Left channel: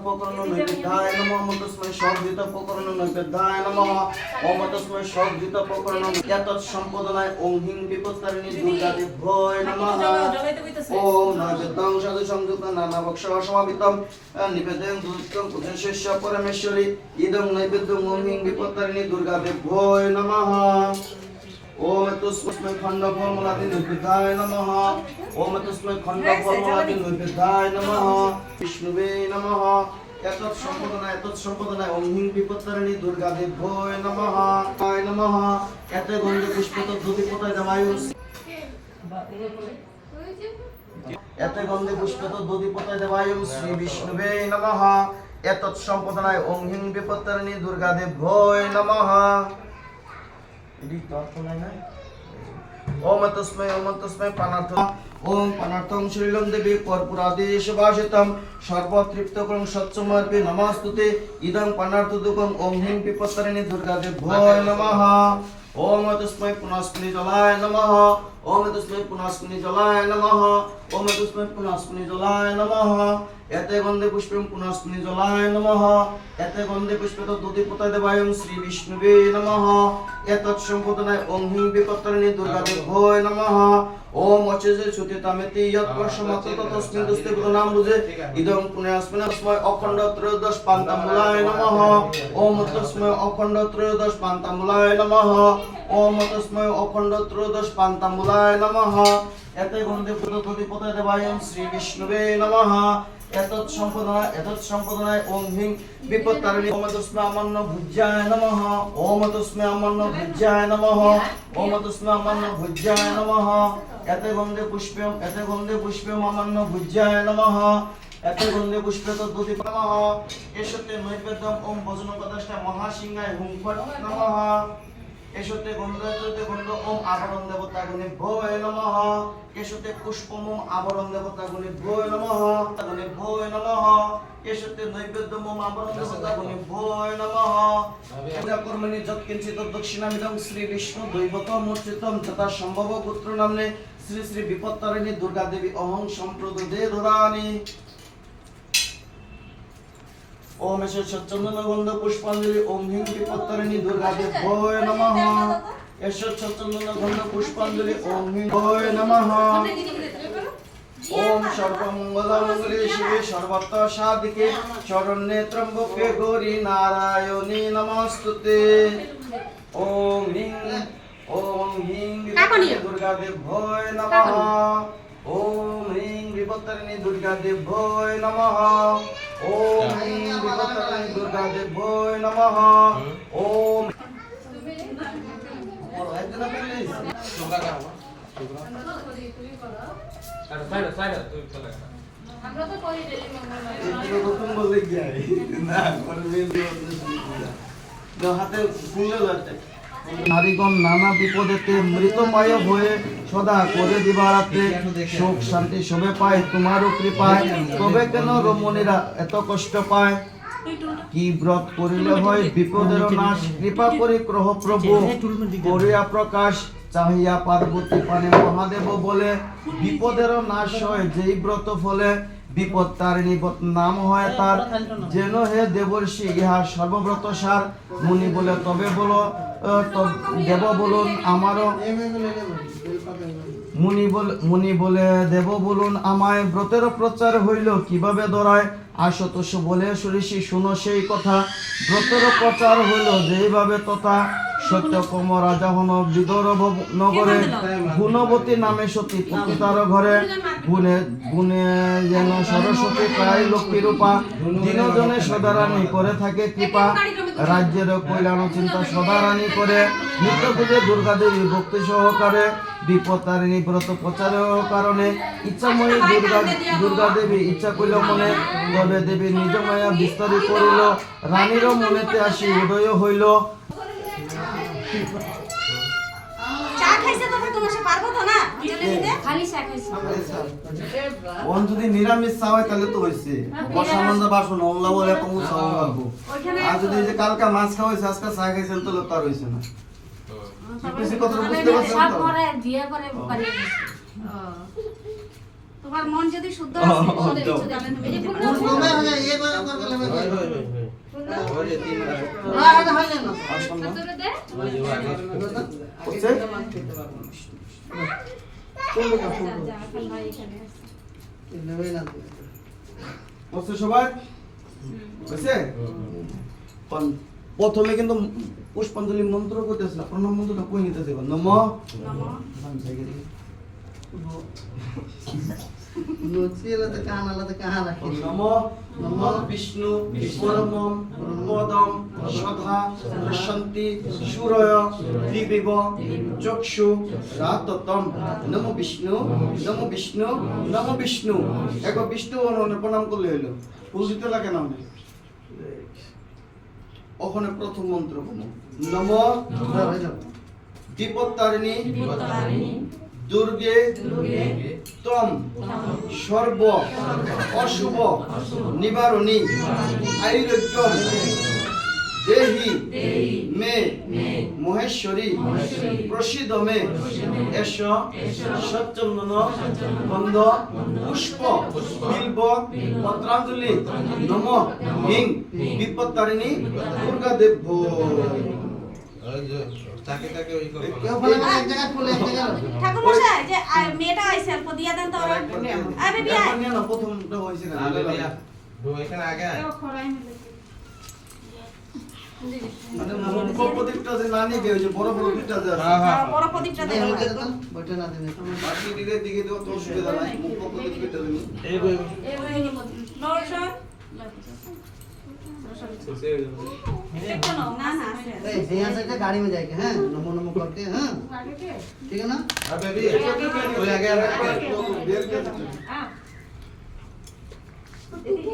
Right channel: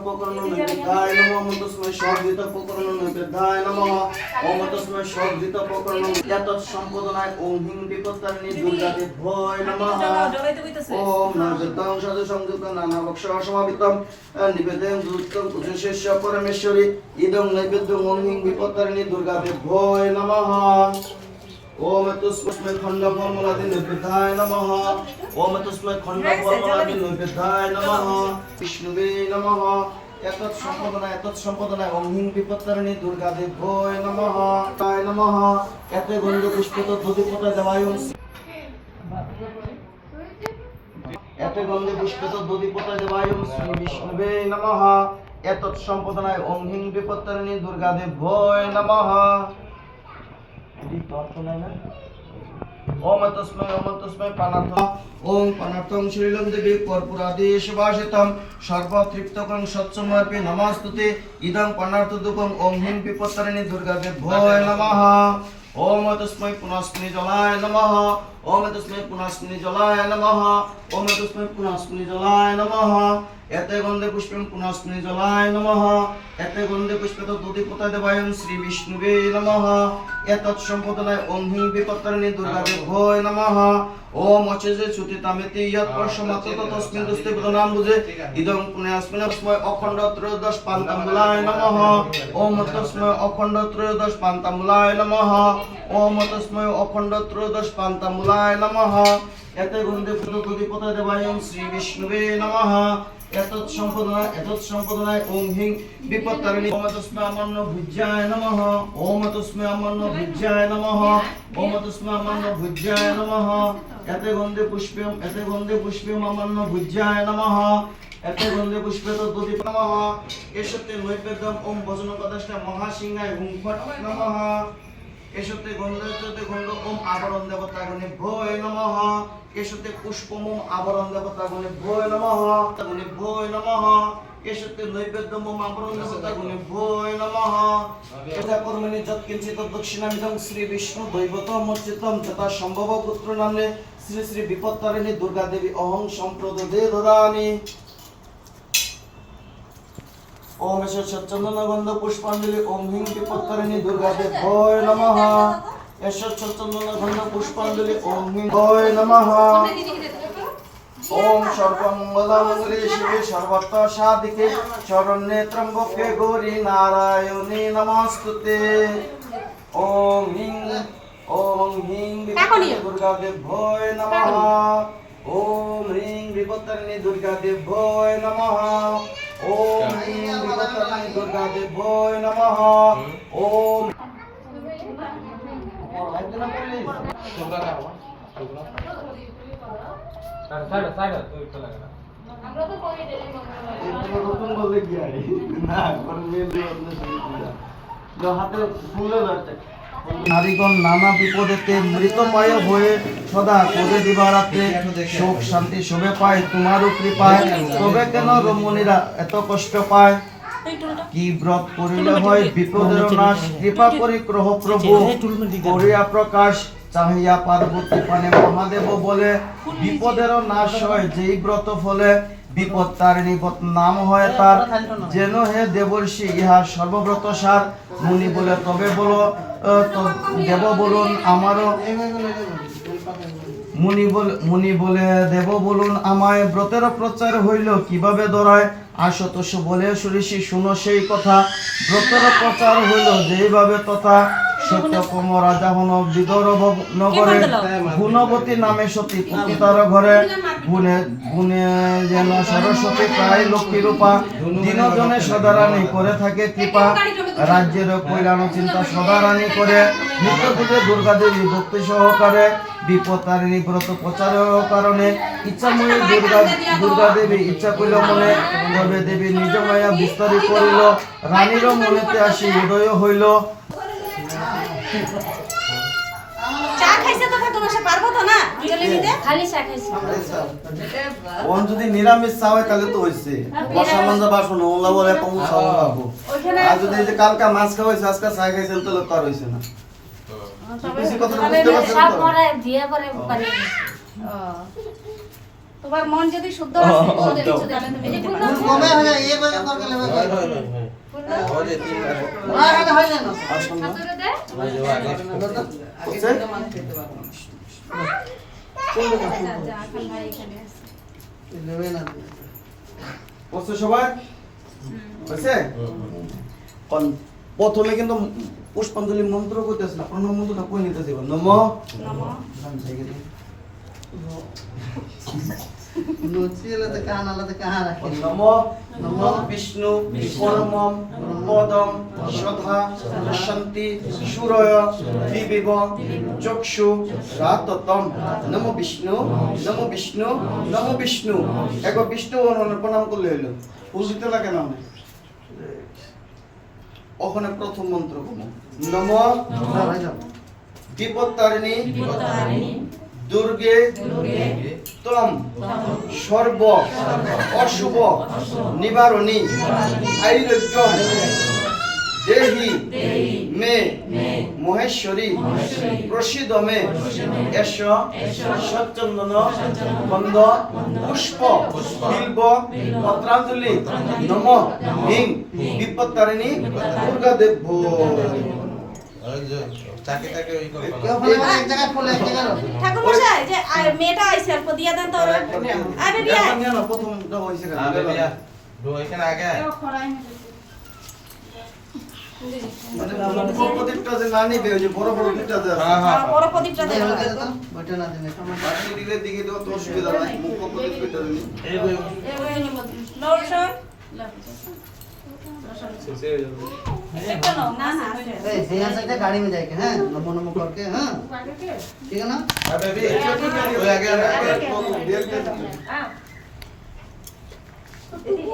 উপকরণ নৈবেদ্যায় নমঃ ওম তস্मै সজ্জিত উপকরণ নৈবেদ্যায় নমঃ ওম তস্मै সজ্জিত উপকরণ এতৎ সম্পদনায় ওম হিং বিপত্তারিণী দুর্গাদেভ্যয় নমঃ ওম নৈবেদ্যং সাধু সংযুক্ত নানা ভক্ষ সমাবিতম নিবেদন দুষ্টং পূজশেষ্য পরমেশ্বরী ইদং নৈবেদ্যং ওম হিং বিপত্তারিণী দুর্গাদেভ্যয় নমঃ ओम तस्मै खंड फलमूलादि नैवेद्याय नमः ओम तस्मै खंड फलमूलादि नैवेद्याय नमः विष्णुवे नमः एतत् सम्पदनाय ओम हिं विपत्तारिणी दुर्गादेभ्योय नमः ताय नमः एते गंध पुष्पित धूति पताय देवायुं एते गंध पुष्पित धूति पताय देवायुं श्री विष्णुवे नमः एतत् सम्पदनाय ओम हिं विपत्तारिणी दुर्गादेभ्योय नमः ओम तस्मै पानार्थम ओम पानार्थम श्रीलं देवी कर्पूरादेश वासितं सर्वतृप्तकं सत्समर्पे नमस्तुते इदं पानार्थदुकं ओम हिं विपत्तारिणी दुर्गादेभ्योय नमः ओम तस्मै पुनस्मि जलाय नमः ओम तस्मै पुनस्मि जलाय नमः ओम तस्मै पुनस्मि जलाय नमः एते गंधे पुष्पं पुनस्मि जलाय नमः एते गंधे पुष्पित धूति पताय देवायुं श्री विष्णुवे नमः एतत् सम्पदनाय ओम हिं विपत्तारिणी दुर्गादेभ्योय नमः ओम अचेजे सुतितामेति यत् परशमत तस्मिन् दुस्ते बुधनाम बुझे इदं पुण्यस्मिन् तस्मै अखण्ड त्रयोदश पान्ताम्बुलाय नमः ओम तस्मै अखण्ड त्रयोदश पान्ताम्बुलाय नमः ओम तस्मै अखण्ड त्रयोदश पान्ताम्बुलाय नमः एते गंधे धूति पताय देवायुं श्री विष्णुवे नमः एतत् सम्पदनाय ओम हिं विपत्तारिणी ओम तस्मै अमन्न भुज्याय नमः ओम तस्मै अमन्न भुज्याय नमः ओम तस्मै अमन्न भुज्याय नमः एते गंधे पुष्पं अमन्न भुज्याय नमः एते गंधे पुष्पित धूति नमः एषते नैवेद्यं ओम भजनपदष्ट महासिंहाय हुं फट् नमः एषते गंध ओम आवरण देवता गुणेभ्योय नमः एषते पुष्पम ओम आवरण देवता गुणेभ्योय नमः एषते नैवेद्यम ओम आवरण देवता गुणेभ्योय नमः पूजा कर्मणि यत्किंचित् दक्षिणामिदं श्री विष्णु दैवतमर्चितं तथा संभव पुत्र नाम्ने श्री श्री विपत्तारिणी दुर्गा देवी अहं सम्प्रददे ददामि ओम सच्चंदन गंध पुष्पांजलि ओम हिं विपत्तारिणी दुर्गादेभ्योय नमः सच्चंदन गंध पुष्पांजलि ओम हिं भय नमः ओम सर्वमंगलमंगले शिवे सर्वत्र साधिके शरण्ये त्र्यंबके गौरी नारायणी नमस्तुते ओम हिं विपत्तारिणी दुर्गादेभ्योय नमः ओम ह्रीं विपत्तारिणी दुर्गादेभ्योय नमः ओम ह्रीं विपत्तारिणी दुर्गादेभ्योय नमः ओम নারীগণ নানা বিপদেতে মৃতময় হয়ে সদা করে দিবারাত্রে সুখ শান্তি শোভে পায় তোমার কৃপায় তবে কেন রমণীরা এত কষ্ট পায় কি ব্রত করিলে হয় বিপদের নাশ কৃপা করে গ্রহ প্রভু করিয়া প্রকাশ চাহিয়া পার্বতী পানে মহাদেব বলে বিপদের নাশ হয় যেই ব্রত ফলে বিপত্তারিণী নাম হয় তার যেন হে দেবর্ষি ইহা সর্বব্রত সার মুনি বলে তবে বলো দেব বলুন আমারও মুনি বলে দেব বলুন আমায় ব্রতের প্রচার হইল কিভাবে দরায় আশতোষ বলে সুরিষি শুনো সেই কথা ব্রতের প্রচার হইল যেইভাবে তথা সত্যকম রাজা হন বিদর্ভ নগরে গুণবতী নামে সতী পতিতার ঘরে গুণে গুণে যেন সরস্বতী প্রায় লক্ষ্মী রূপা দিনজনে সদারানী করে থাকে কৃপা রাজ্যের কল্যাণ চিন্তা সদারানী করে নিত্য পুজো দুর্গা দেবী ভক্তি সহকারে বিপত্তারিণী ব্রত প্রচারের কারণে ইচ্ছাময়ী দুর্গা দেবী ইচ্ছা করিল মনে তবে দেবী নিজ মায়া বিস্তারি করিল রানীর মনেতে আসি উদয় হইল যদি নিরামিষ চা হয় তাহলে তো হয়েছে আর যদি কালকা মাছ খাওয়া হয়েছে আজকে চা খাইছেন তাহলে তো আর হয়েছে না তোমার মন যদি শুদ্ধ আছে তাহলে তুমি যদি কমে হয়ে এই ভাবে কর গেলে হবে हो जे 3 হ্যাঁ এটা হয়ে গেল ঠাকুরে দে जो आगे যা এখন ভাই এখানে আছে নেবে না বসে সবাই আছে কোন প্রথমে কিন্তু পুষ্পাঞ্জলি মন্ত্র কইতেছ না প্রণাম মন্ত্রটা কই নিতে দিব নম নচিলে তো কান আলা তো কাহা রাখে নম নম বিষ্ণু পরমম পদম সধা শান্তি সুরয় দিবিব চক্ষু রাততম নম বিষ্ণু নম বিষ্ণু নম বিষ্ণু এক বিষ্ণু প্রণাম করলে হইলো ফুল দিতে লাগে না ওখানে প্রথম মন্ত্র কোন নম বিপত্তারিণী দুর্গে তম সর্ব অশুভ নিবারণী আয়ুর্গম দেহি মে মহেশ্বরী প্রসিদ মে এস সচ্চন্দন বন্ধ পুষ্প বিল্ব পত্রাঞ্জলি নম হিং বিপত্তারিণী দুর্গা দেব চাকে চাকে ওই করে কেউ বলে মানে এক জায়গায় ফুল এক জায়গায় রবে ঠাকুর মশাই যে মেয়েটা আইছে অল্প দিয়া দেন তো আবে বিয়া না প্রথমটা হইছে না আগে দিয়া দো এখানে আগে মানে প্রদীপটা যে না নিবে ওই যে বড় বড় দুইটা যে আছে হ্যাঁ হ্যাঁ বড় প্রদীপটা এই দেন হতে তো বটে না দিনে বাকি দিকে দিকে তো তোর সুবিধা নাই মুখ প্রদীপ কইতে দিনি এই কই লোশন না না আছে ए यहाँ से गाड़ी में जाके हैं नमो नमो करके हैं ठीक है ना अबे भी ओए आगे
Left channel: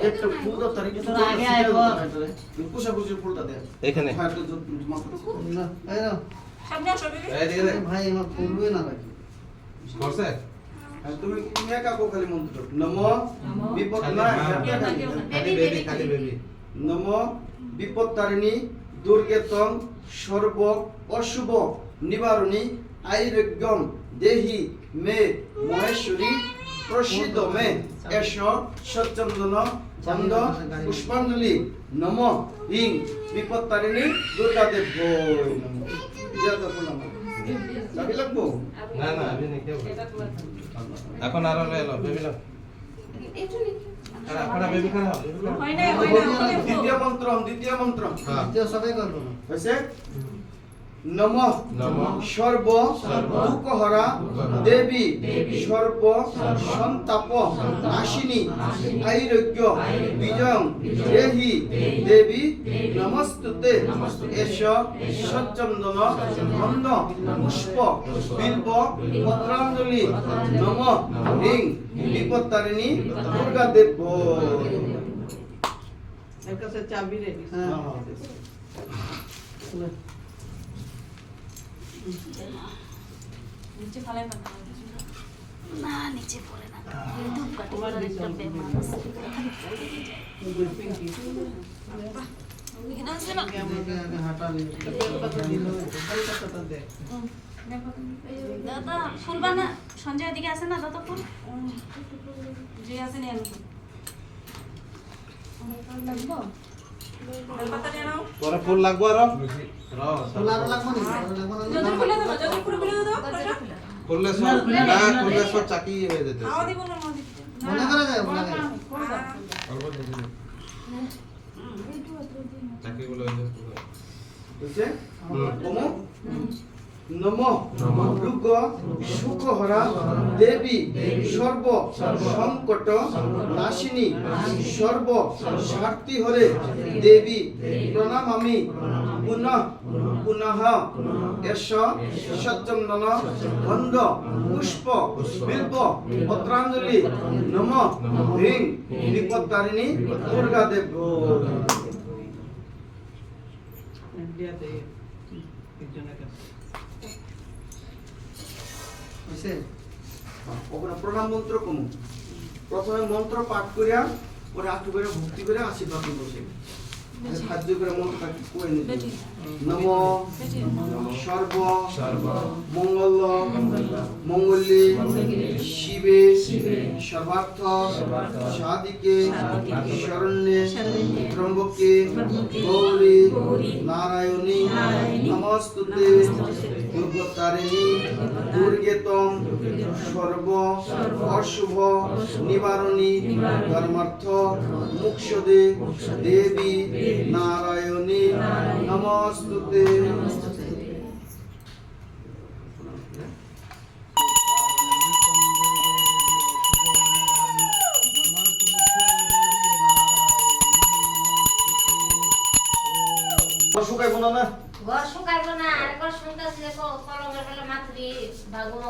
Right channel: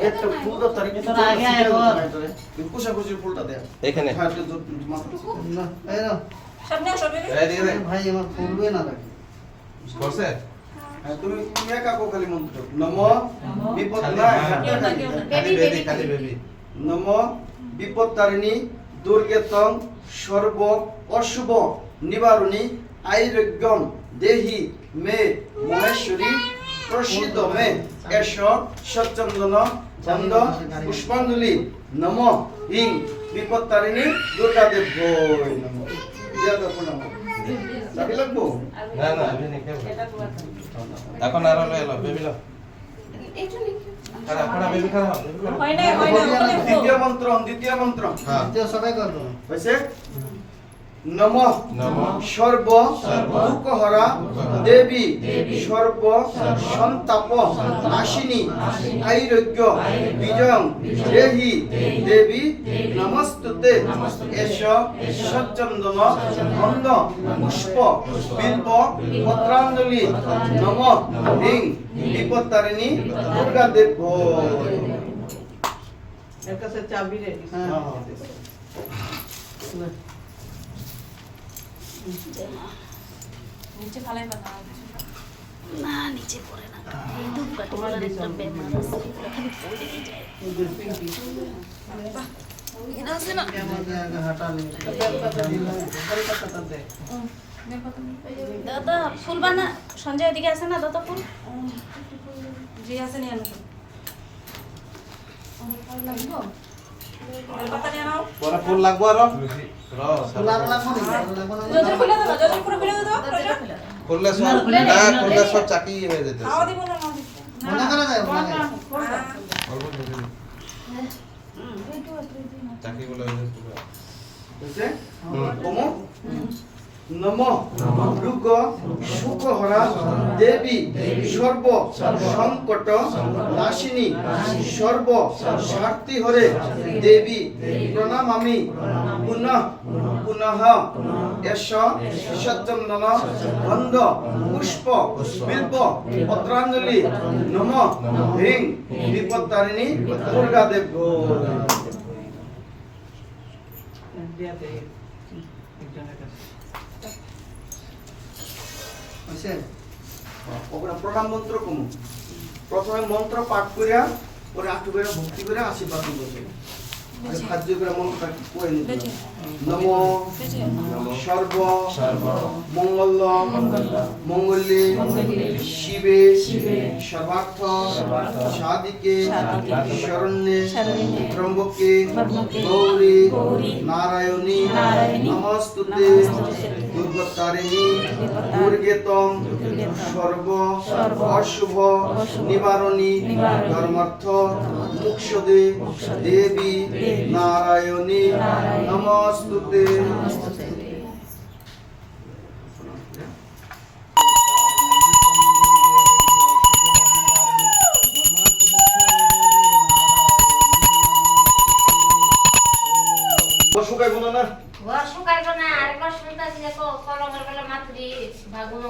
একটা ফুল তো তারিখ তো আগে আইবো তুই কুশা কুশি ফুলটা দে এখানে হ্যাঁ তো মাথা ए रो সামনে আসো বেবি এই দিকে দেখ भाई আমার ফুলবে না রাখি করছে হ্যাঁ তুমি তুমি একা কো খালি মন্ত্র নম বিপদ না খালি বেবি নম বিপত্তারিণী দুর্গেতং সর্ব অশুভ নিবারণী আয়ুর্গম দেহি মে মহেশ্বরী প্রসিদ মে এস সচ্চন্দন চন্দ পুষ্পাঞ্জলি নম হিং বিপত্তারিণী দুর্গা দেব নম দিয়া তো প্রণাম চাবি লাগবো না না আমি নিতে এখন আর এলো বেবি লো খারাপ খারাপ বেবি খারাপ হয় না ওখানে দ্বিতীয় মন্ত্র হ্যাঁ তো সবাই করবো হইছে নম নমঃ সর্ব দুঃখহরা দেবী সর্ব সন্তাপ নাশিনী আয়ুর্য বিজয়ং দেহি দেবী নমস্তুতে এস সচ্চন্দন গন্ধ পুষ্প বিল্ব পত্রাঞ্জলি নম হিং বিপত্তারিণী দুর্গা দেব এর কাছে চাবি রেডি হ্যাঁ নিচে ফালাই পাতা না নিচে পড়ে না তোমার একটা ব্যাপার আছে हटा দাদা ফুল বানা সঞ্জয় দিকে আছে না দাদা ফুল জি আছে নিয়ে আনো লাগবো বেলপাতা নিয়ে নাও বড় ফুল লাগবো আর फुलार লাগবো না লাগবো না যদি খুলে দাও যদি পুরো খুলে দাও খুললে সব খুললে সব চাকি হয়ে যেতে খাওয়া দিব না মনে করে যায় মানে চাকি গুলো হয়ে যাবে হইছে কম নম দুর্গ সুখহরা দেবী সর্ব সংকট নাশিনী সর্ব স্বার্থী হরে দেবী প্রণামামি পুনঃ পুনঃ এস সচ্চন্দন গন্ধ পুষ্প বিল্ব পত্রাঞ্জলি নম হিং বিপত্তারিণী দুর্গা দেব দিয়া দে একজনের কাছে আছে ওগুলা প্রণাম মন্ত্র কমু প্রথমে মন্ত্র পাঠ করিয়া পরে আটু করে ভক্তি করে আশীর্বাদ করবে খাদ্য করে মন্ত্রটা কই নিতে নম সর্ব মঙ্গল মঙ্গলে শিবে সর্বার্থ সাধিকে শরণ্যে ত্রম্বকে গৌরী নারায়ণী নমস্তুতে দুর্গতারিণী দুর্গেতম সর্ব অশুভ নিবারণী ধর্মার্থ মুক্ষদে দেবী নারায়ণী নমস্তুতে শুকাইব না না ঘর শুকাইব না আরেকবার শুনতেছি যে কলমের বেলা মাতুরি ভাগুন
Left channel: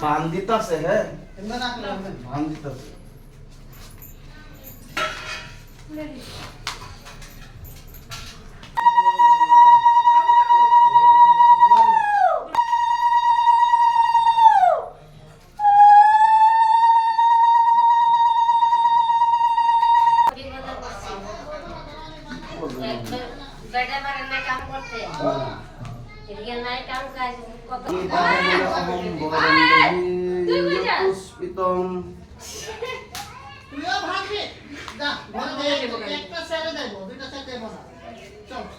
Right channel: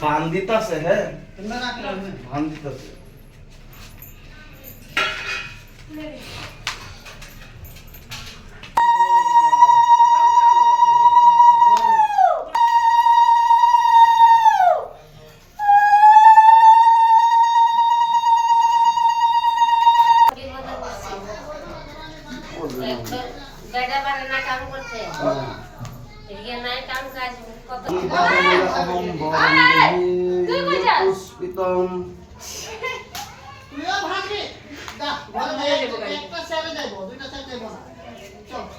বান দিতাছে হ্যাঁ এমনি না করবে বান দিতাছে বেড়া বানানা কাম করতে এদিকে নাই কাম কাজ কত পুষ্পিতম তুইও ভাগবি দা ঘরে একটা ছেড়ে দেব দুইটা ছেড়ে দেব না চল